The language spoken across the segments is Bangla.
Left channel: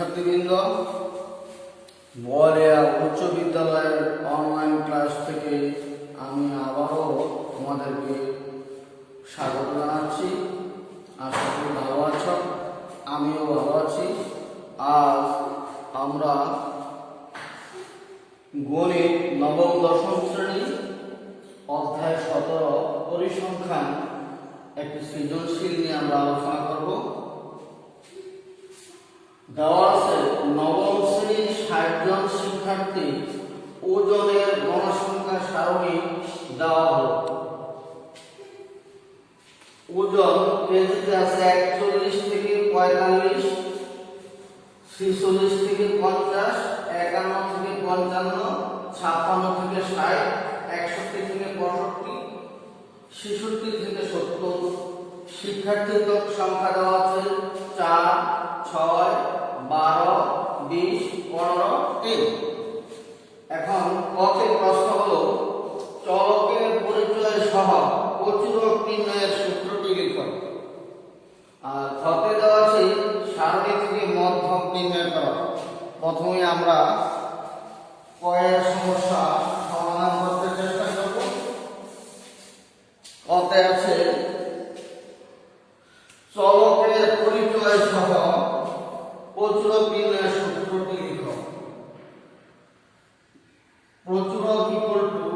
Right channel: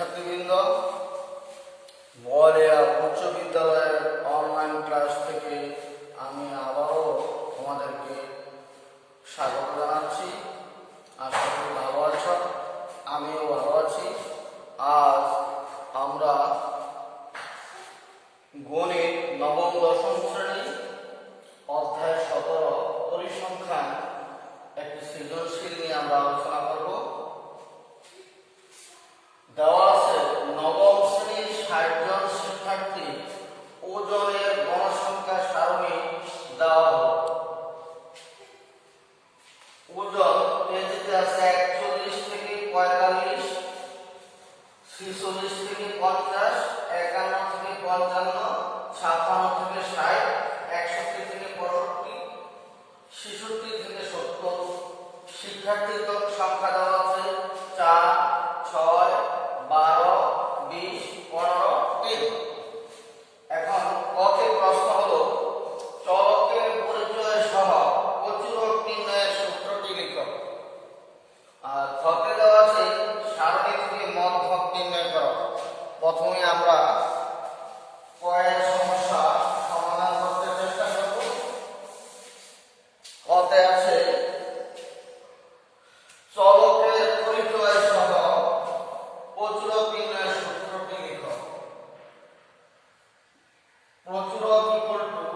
শিক্ষার্থীবৃন্দ, বলিয়া উচ্চ বিদ্যালয়ের অনলাইন ক্লাস থেকে আমি আবারও তোমাদেরকে স্বাগত জানাচ্ছি। আশা করি ভালো আছো, আমিও ভালো আছি। আজ আমরা গণিত নবম দশম শ্রেণী অধ্যায় 17 পরিসংখ্যান একটি সৃজনশীল নিয়ে আমরা আলোচনা করব। দেওয়া আছে নবম শ্রেণীর 60 জন শিক্ষার্থী ওজনের গণসংখ্যা সারণী দেওয়া হলো। ওজন কেজিতে আছে 41 থেকে 45, 46 থেকে 50, 51 থেকে 55, 56 থেকে 60, 61 থেকে 65, 66 থেকে 70। শিক্ষার্থীর সংখ্যা দেওয়া আছে 4, 6, 12, 20, 15, 3। এখন কতে প্রশ্ন হলো চলকের পরিচয় সহ প্রচুরক নির্ণয়ের সূত্রটি লিখো। আর খতে দেওয়া আছে সারণী থেকে মধ্যক নির্ণয় করো। প্রথমে আমরা কয়ের সমস্যা সমাধান করতে চেষ্টা করব। কতে আছে চলকের পরিচয় সহ প্রচুরক নির্ণয়ের সূত্রটি লিখো। প্রচুরক equal to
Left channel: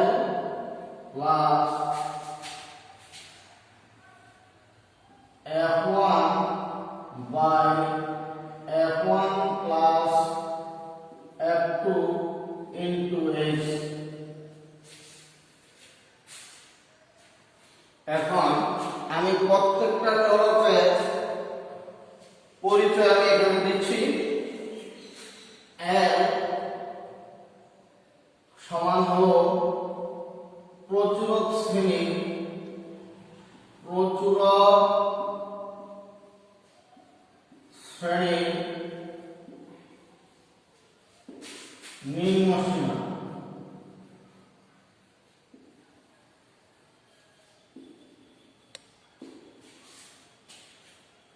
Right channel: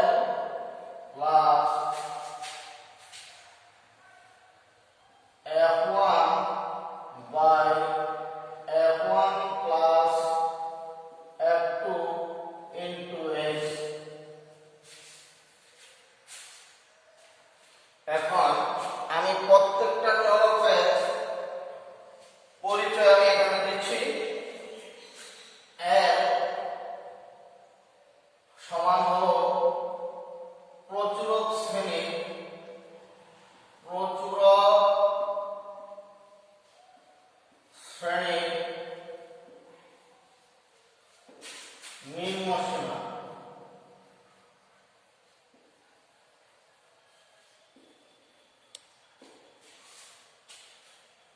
L plus F1 by F1 plus F2 into H। এখন আমি প্রত্যেকটা চলকের পরিচয় আমি এখানে দিচ্ছি। L সমান হলো প্রচুরক শ্রেণী নিম্ন সীমা।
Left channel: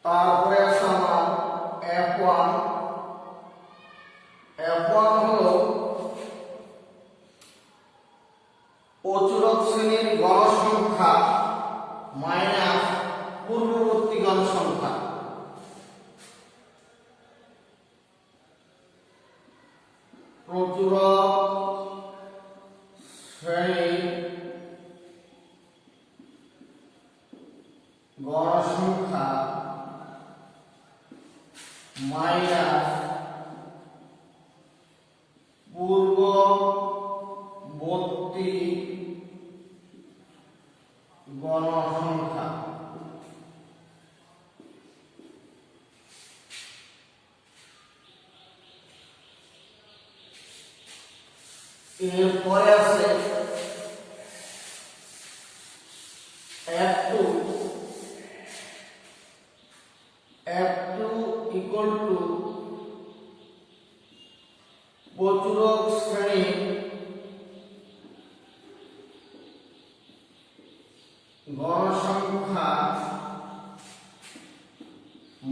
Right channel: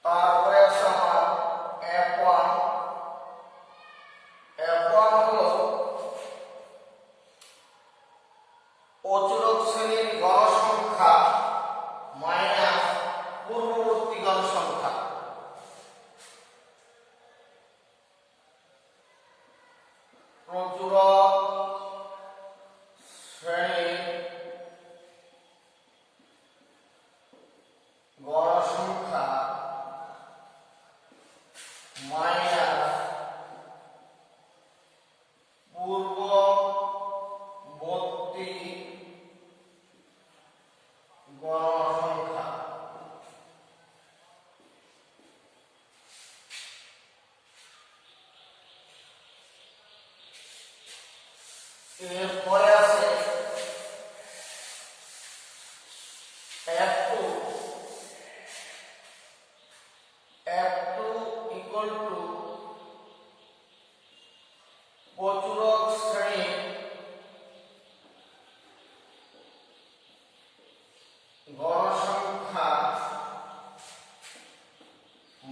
তারপরে আছে আমার F1 হলো প্রচুরক শ্রেণীর গণসংখ্যা মাইনাস পূর্ববর্তী গণসংখ্যা। প্রচুরক শ্রেণীর গণসংখ্যা মাইনাস পূর্ববর্তী গণসংখ্যা। এরপরে আছে F2 ইকুয়াল টু প্রচুরক শ্রেণী গণসংখ্যা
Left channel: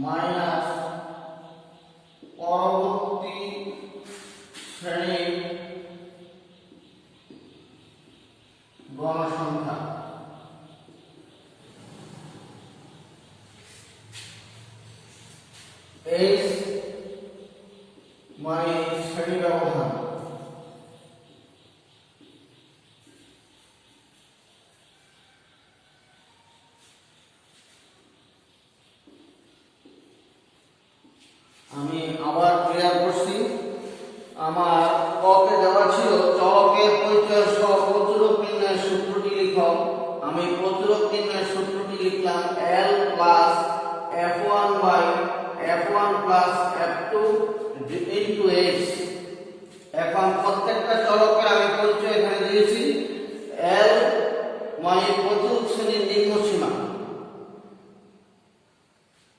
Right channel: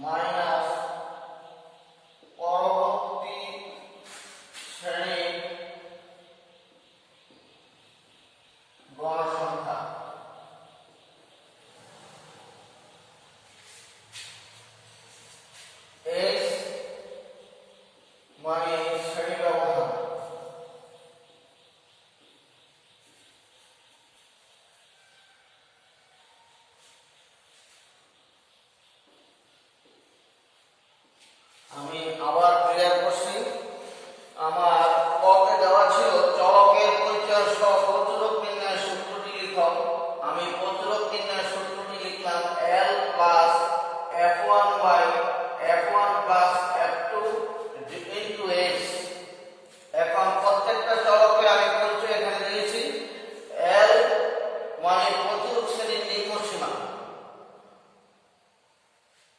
মাইনাস পরবর্তী শ্রেণীর গণসংখ্যা। H মানে শ্রেণী ব্যবধান। আমি আবার ক্লিয়ার করছি। আমার কতে দেওয়া ছিল চলকের পরিচয় সহ প্রচুরক নির্ণয়ের সূত্রটি লিখো। আমি প্রচুরক নির্ণয়ের সূত্রটি লিখলাম L plus F1 by F1 plus F2 into H। এখন প্রত্যেকটা চলকের আমি পরিচয় এখানে দিয়েছি। L মানে প্রচুরক শ্রেণীর নিম্ন সীমা,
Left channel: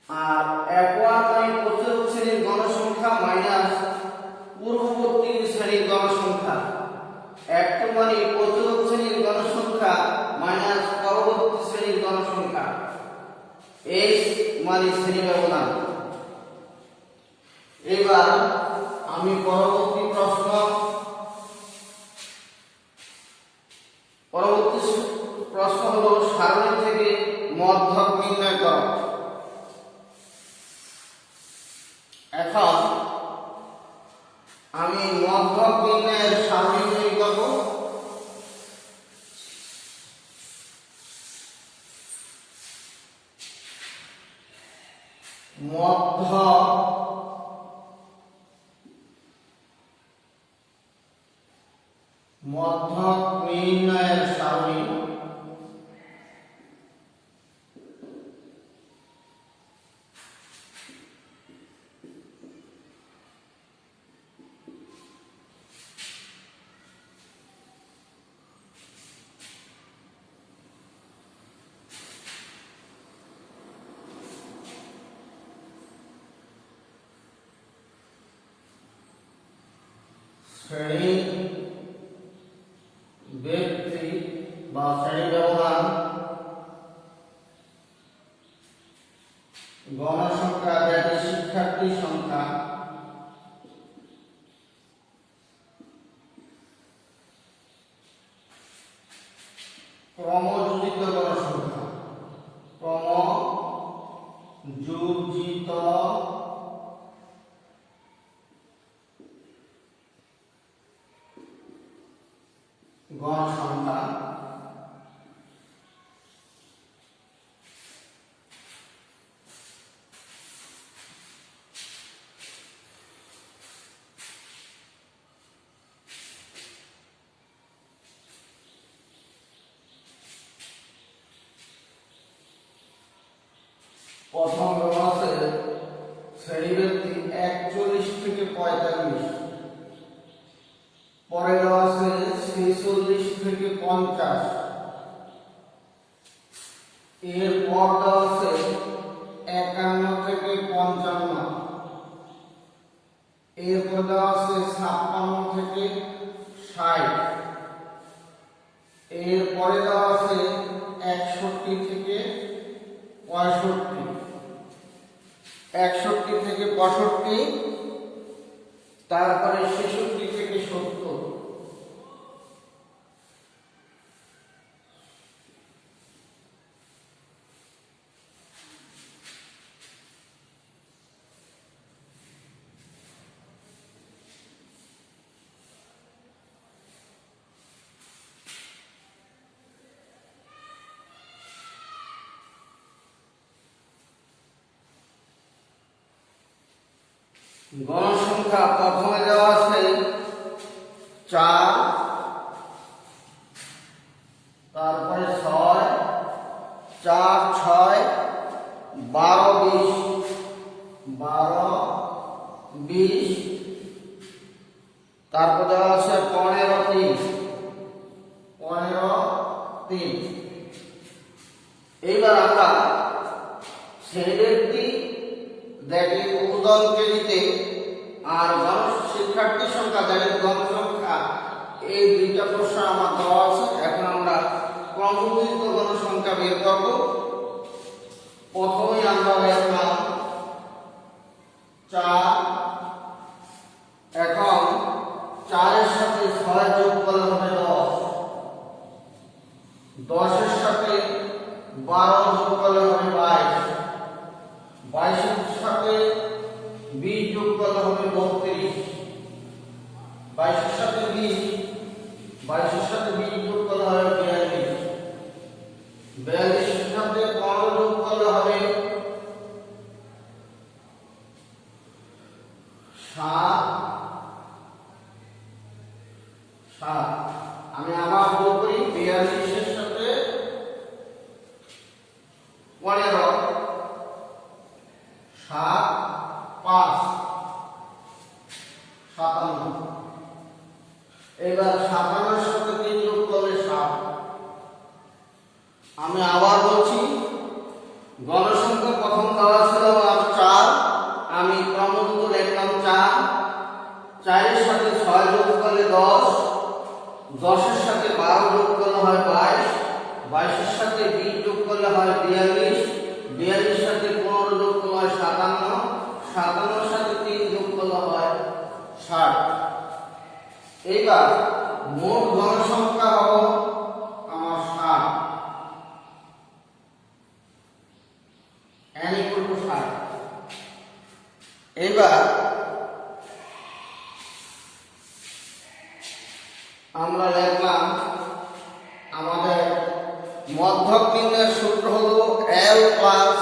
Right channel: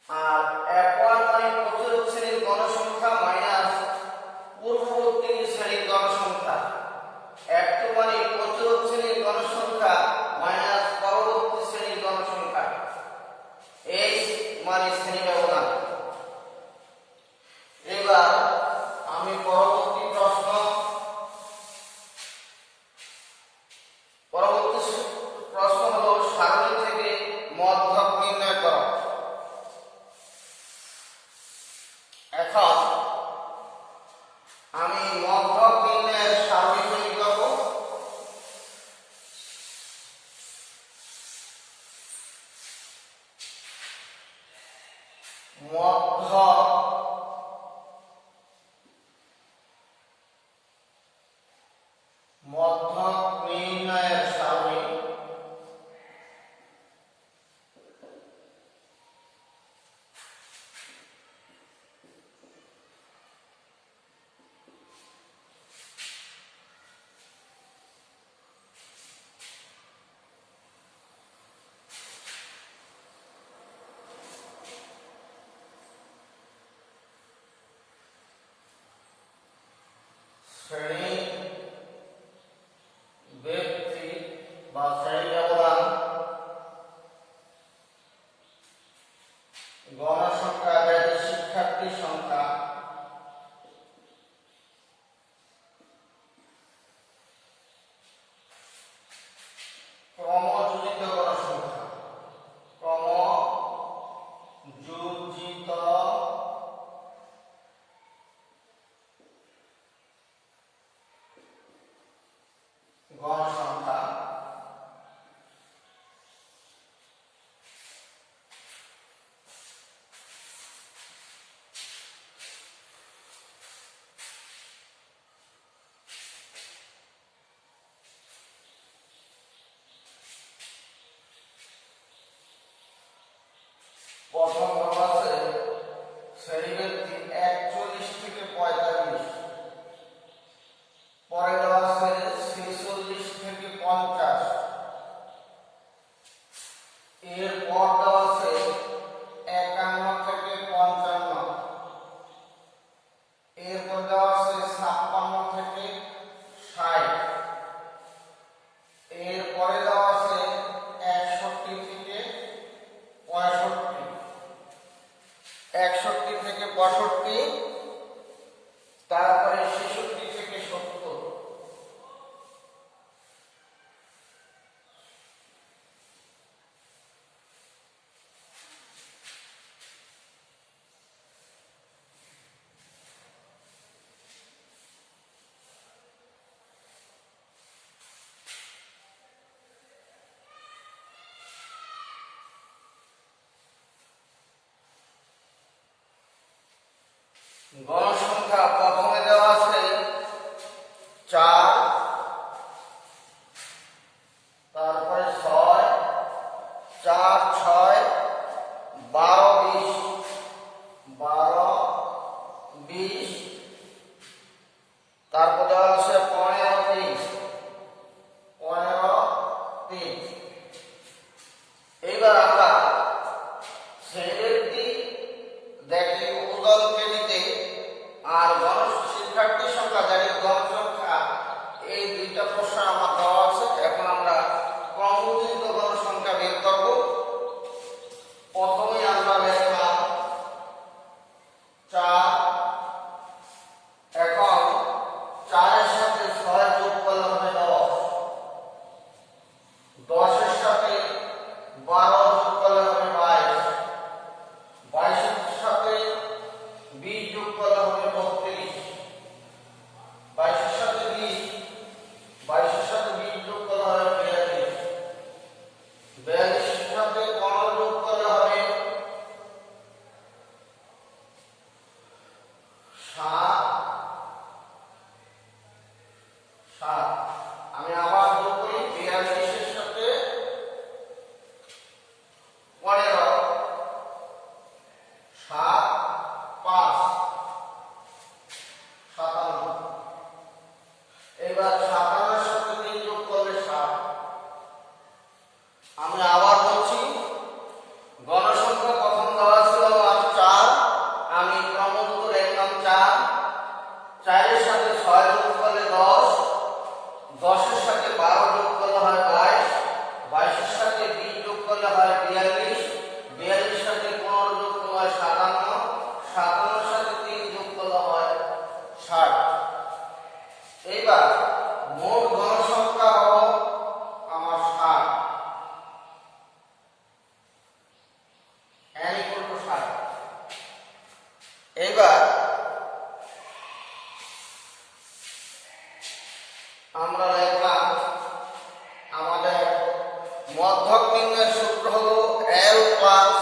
আর F1 মানে প্রচুরক শ্রেণীর গণসংখ্যা মাইনাস পূর্ববর্তী শ্রেণীর গণসংখ্যা। F2 মানে প্রচুরক শ্রেণীর গণসংখ্যা মাইনাস পরবর্তী শ্রেণীর গণসংখ্যা h মানে শ্রেণী ব্যবধান। এবার আমি পরবর্তী প্রশ্ন হলো সারণী থেকে মধ্যক নির্ণয় করো। এখন আমি মধ্যক নির্ণয়ের সারণী তৈরি করব। মধ্যক নির্ণয়ের সারণী শ্রেণী ব্যক্তি বা শ্রেণী ব্যবধান গণসংখ্যা যেটি শিক্ষার্থী সংখ্যা ক্রমযোজিত গণসংখ্যা ক্রমযোজিত গণসংখ্যা প্রথম দেওয়া আছে শ্রেণী ব্যক্তি 41 থেকে 45, পরে দেওয়া আছে 46 থেকে 50, এরপর দেওয়া আছে 51 থেকে 55, এরপর দেওয়া আছে 56 থেকে 60, এরপরে দেওয়া আছে 61 থেকে 65, 61 থেকে 65, তারপরে 66 থেকে 70। গণসংখ্যা প্রথমে দেওয়া আছে 4, তারপরে 6, 4, 6, 12, 20, 12, 20, তারপর দেওয়া আছে 15, 30, 15, 30। এইবার আমরা শ্রেণী দেখি উপদল শ্রেণীতে আর শিক্ষার্থী সংখ্যা দেখি গণসংখ্যা, এই দুইটা প্রশ্ন আমার দেওয়া আছে। এখন আমরা ক্রমযোজিত গণসংখ্যা বের করব। প্রথমে আমরা লিখলাম 4, এখন 4 এর সাথে 6 যোগ করলে হবে 10, 10 এর সাথে 12 যোগ করলে হবে 22, 22 এর সাথে 20 যোগ করলে হবে 32, 22 এর সাথে 20, 22 এর সাথে 20 যোগ করলে হবে 42, 42 এর সাথে 15 যোগ করলে হবে 7। আমি আবার যোগ করি, 42 এর সাথে 15, 7, 5, 57। এবার 57 এর সাথে 3 যোগ করলে 7। আমি আবার বলছি, গণসংখ্যা প্রথম দেওয়া ছিল আমার 4, আমি ক্রমযুক্ত লিখলাম 4, 4 এর সাথে 6 যোগ করলে 10, 10 এর সাথে 12 যোগ করলে হয় 22, 22 সাথে 20 যোগ করলে হয় 42, 42 সাথে 15 যোগ করলে হয় 57, 57 সাথে 3 যোগ করলে হয় 60। এইবার মোট গণসংখ্যা হলো আমার 60, n = 60। এইবার আমরা লিখলাম আমাদের মধ্যক নির্ণয়ের সূত্র হলো L plus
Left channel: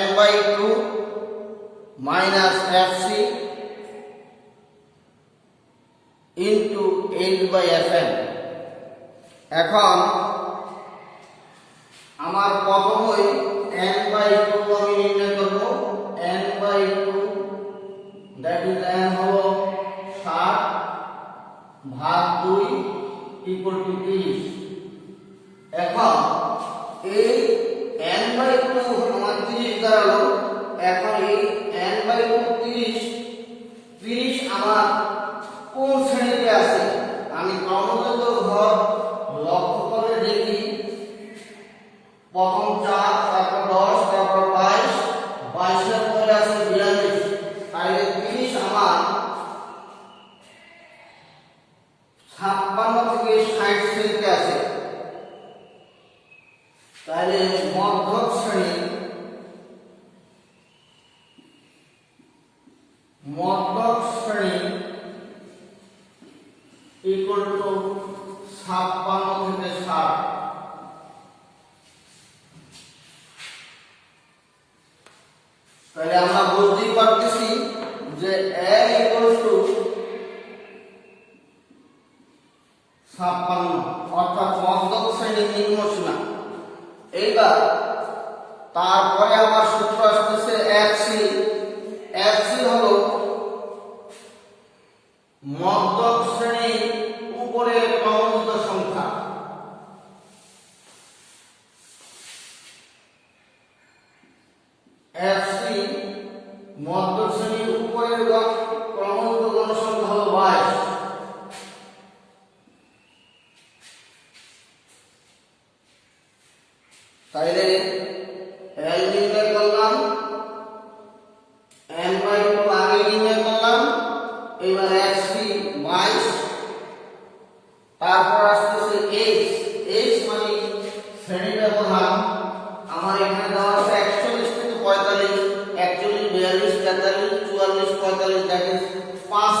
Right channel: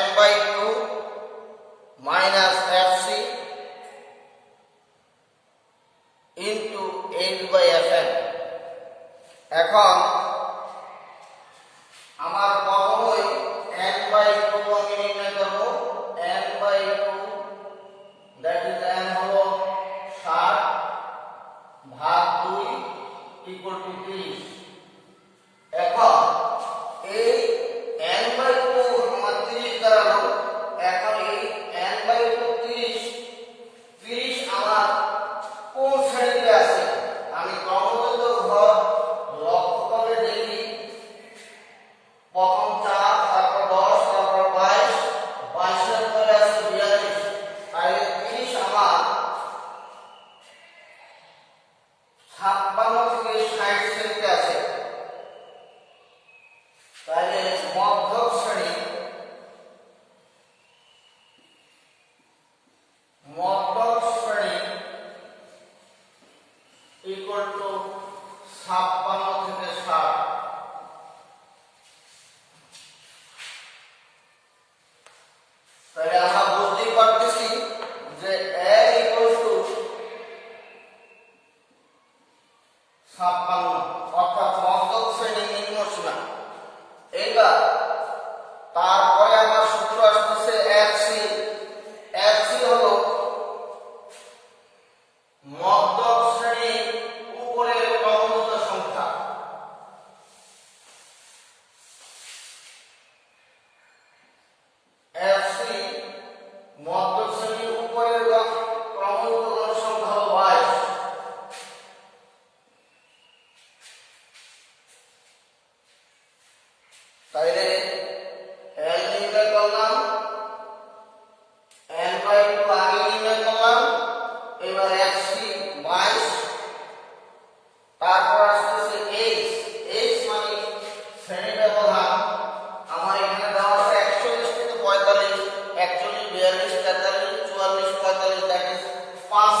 n/2 minus fc into h/fn। এখন আমার প্রথমেই n/2 আমি নির্ণয় করব। n/2 দ্যাট ইজ n হলো 60 ভাগ 2 ইকুয়াল টু 30। এখন এই n/2 আমার 30 দাঁড়ালো। এখন এই n/2 30 আমার কোন শ্রেণীতে আছে আমি ক্রমাগত ঘর লক্ষ্য করে দেখি। প্রথম 4, তারপর 10, তারপর 22, 22 এর পরে আছে 42। তাইলে 30 আমার 56 থেকে 60 শ্রেণীতে আছে। তাহলে মধ্যক শ্রেণী ইকুয়াল টু 56 থেকে 60। তাহলে আমরা বুঝতেই পারতেছি যে n ইকুয়াল টু 56, অর্থাৎ মধ্যক শ্রেণী নিম্নসীমা। এইবার তারপরে আমার সূত্র আসতেছে fc। fc হলো মধ্যক শ্রেণীর উপরের ক্রমযুক্ত সংখ্যা। fc মধ্যক শ্রেণীর উপরের ক্রমযুক্ত গণসংখ্যা হলো 22। তাইলে L নির্ণয় করলাম, n/2 আগে নির্ণয় করলাম। এবার fc 22, তারপর আসতেছে h মানে শ্রেণী ব্যবধান। আমার এখানে দেওয়া আছে 41 থেকে 45, 41, 42, 43, 44, 45, দ্যাট ইজ 5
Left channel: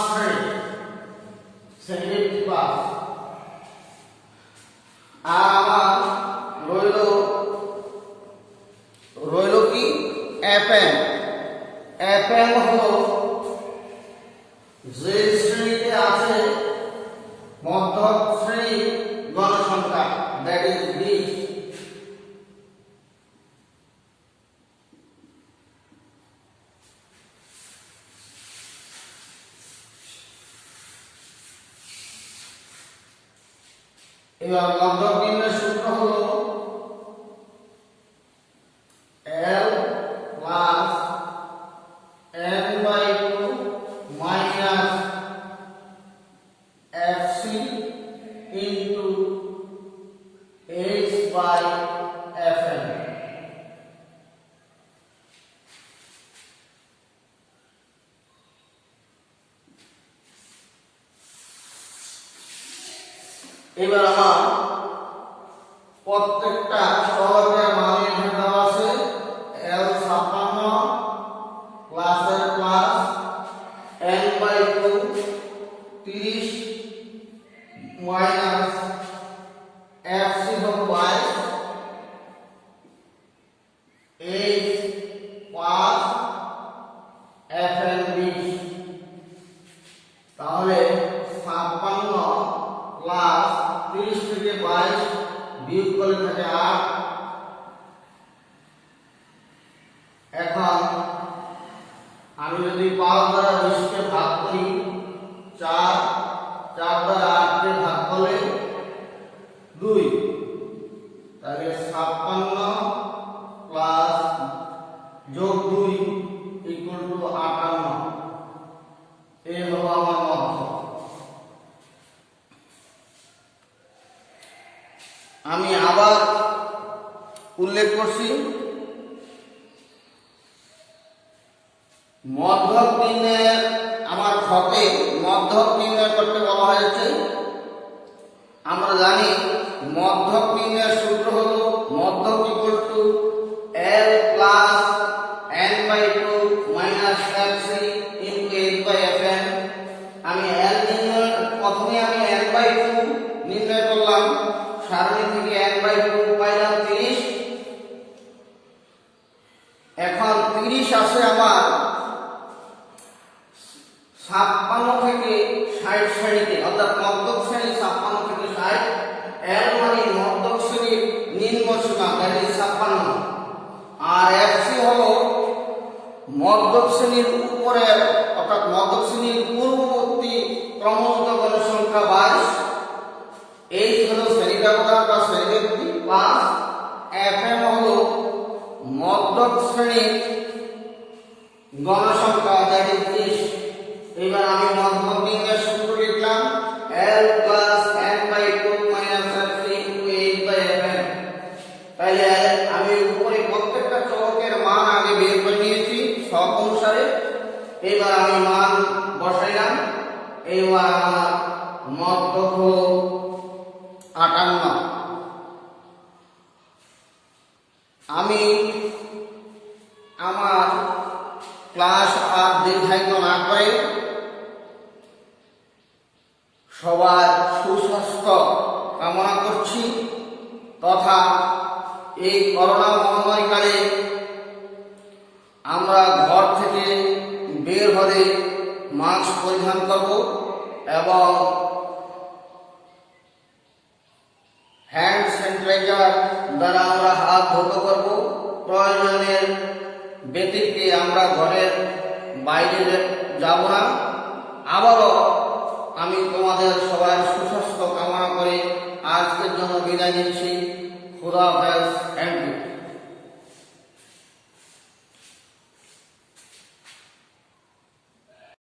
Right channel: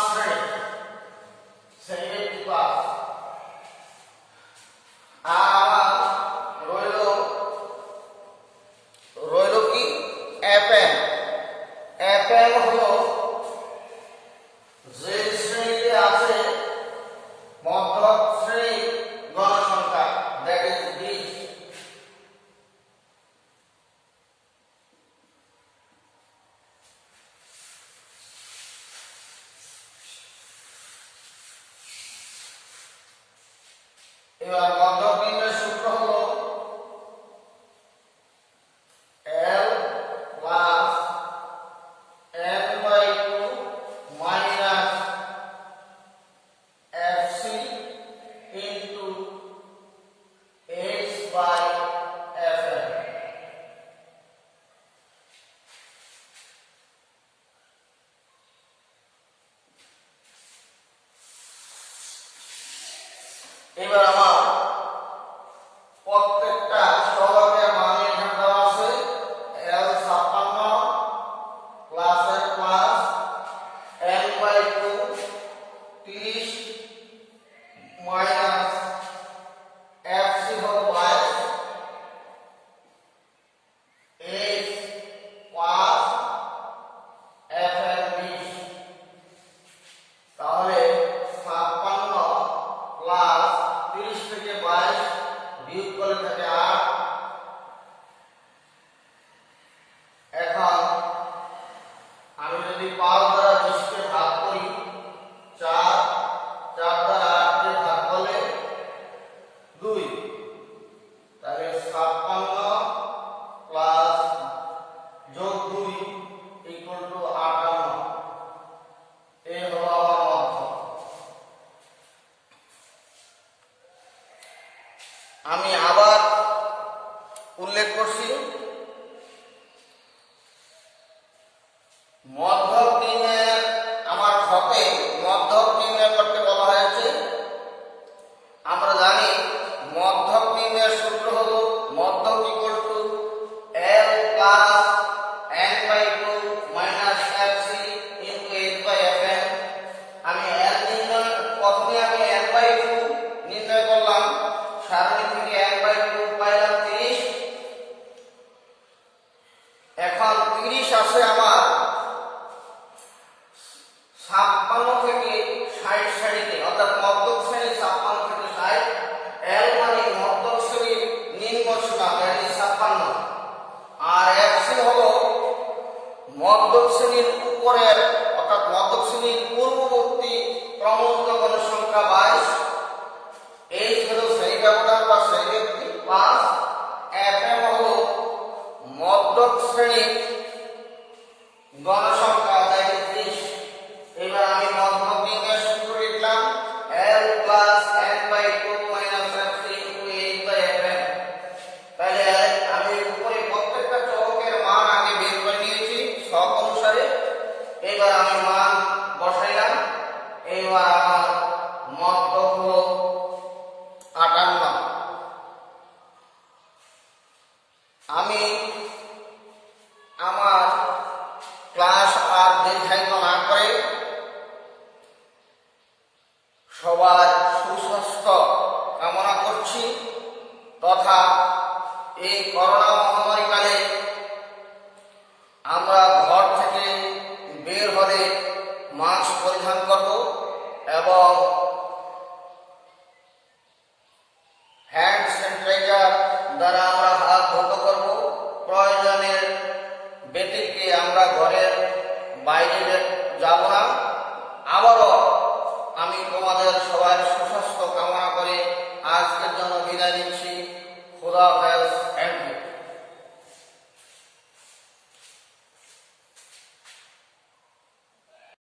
শ্রেণীর 5। আর আমার রইল কি fn। fn হলো যে শ্রেণীতে আছে মধ্যক শ্রেণীর গণসংখ্যা, দ্যাট ইজ 20। এবার মধ্যক নির্ণয়ের সূত্র হলো L plus n/2 minus fc into h/fn। এবার আমার প্রত্যেকটা চলকের মান এখানে দেওয়া আছে। L 56 প্লাস এর প্লাস n/2 30 মাইনাস fc হলো 22, h 5, fn 20। তাহলে 56 প্লাস 30 থেকে 22 বিয়োগ করলে থাকে 8। এখন আমি যদি 5 দ্বারা 20 কে ভাগ করি, 4 দ্বারা 8 কে ভাগ করলে 2, তাহলে 56 প্লাস যোগ 2 ইকুয়াল টু 58। এই হলো আমার মধ্যক। আমি আবার উল্লেখ করছি। মধ্যক নির্ণয় আমার ঘটে মধ্যক নির্ণয় করতে বলা হয়েছে। আমরা জানি মধ্যক নির্ণয়ের সূত্র হলো মধ্যক equal to L plus n/2 minus fc into h/fn। আমি L নির্ণয় প্রথমে আমি n/2 নির্ণয় করলাম, সারণী থেকে n/2 পাইলাম 30। এখন 30 আছে আমার 56 থেকে 60 শ্রেণীতে, অর্থাৎ মধ্যক শ্রেণী 56 থেকে 60। L মানে মধ্যক শ্রেণীর নিম্ন সীমা, দ্যাট ইজ 56। আর fc হলো মধ্যক শ্রেণীর উপরের, অর্থাৎ মধ্যক শ্রেণীর পূর্ববর্তী ক্রমযুক্ত গণের সংখ্যা 22। এই হলো শ্রেণী ব্যবধান বা শ্রেণীব্যক্তি 5। fm হলো মধ্যক শ্রেণীর গণসংখ্যা, দ্যাট ইজ 30। এবার আমি মধ্যক নির্ণয়ের সূত্র লিখলাম L plus n/2 minus fc into h/fn। তাহলে আমি উপরে প্রত্যেকটা চলকের মান আগে বের করে নিয়েছি ছক অনুসারে। এবার আমি মান বসাইলাম। এবার আমার মধ্যক হলো 58। আমি আমার ক্লাস আর দীর্ঘায়িত না করে সবার সুস্বাস্থ্য কামনা করছি, তথা এই করোনা মহামারীকালে আমরা ঘর থেকে বের হলে মাস্ক পরিধান করব এবং হ্যান্ড স্যানিটাইজার দ্বারা আমরা হাত ধৌত করব। প্রয়োজনের ব্যতিক্রমে আমরা ঘরের বাইরে যাব না। আবারও আমি তোমাদের সবার সুস্বাস্থ্য কামনা করে আজকের জন্য বিদায় নিচ্ছি। খুদা হাফেজ।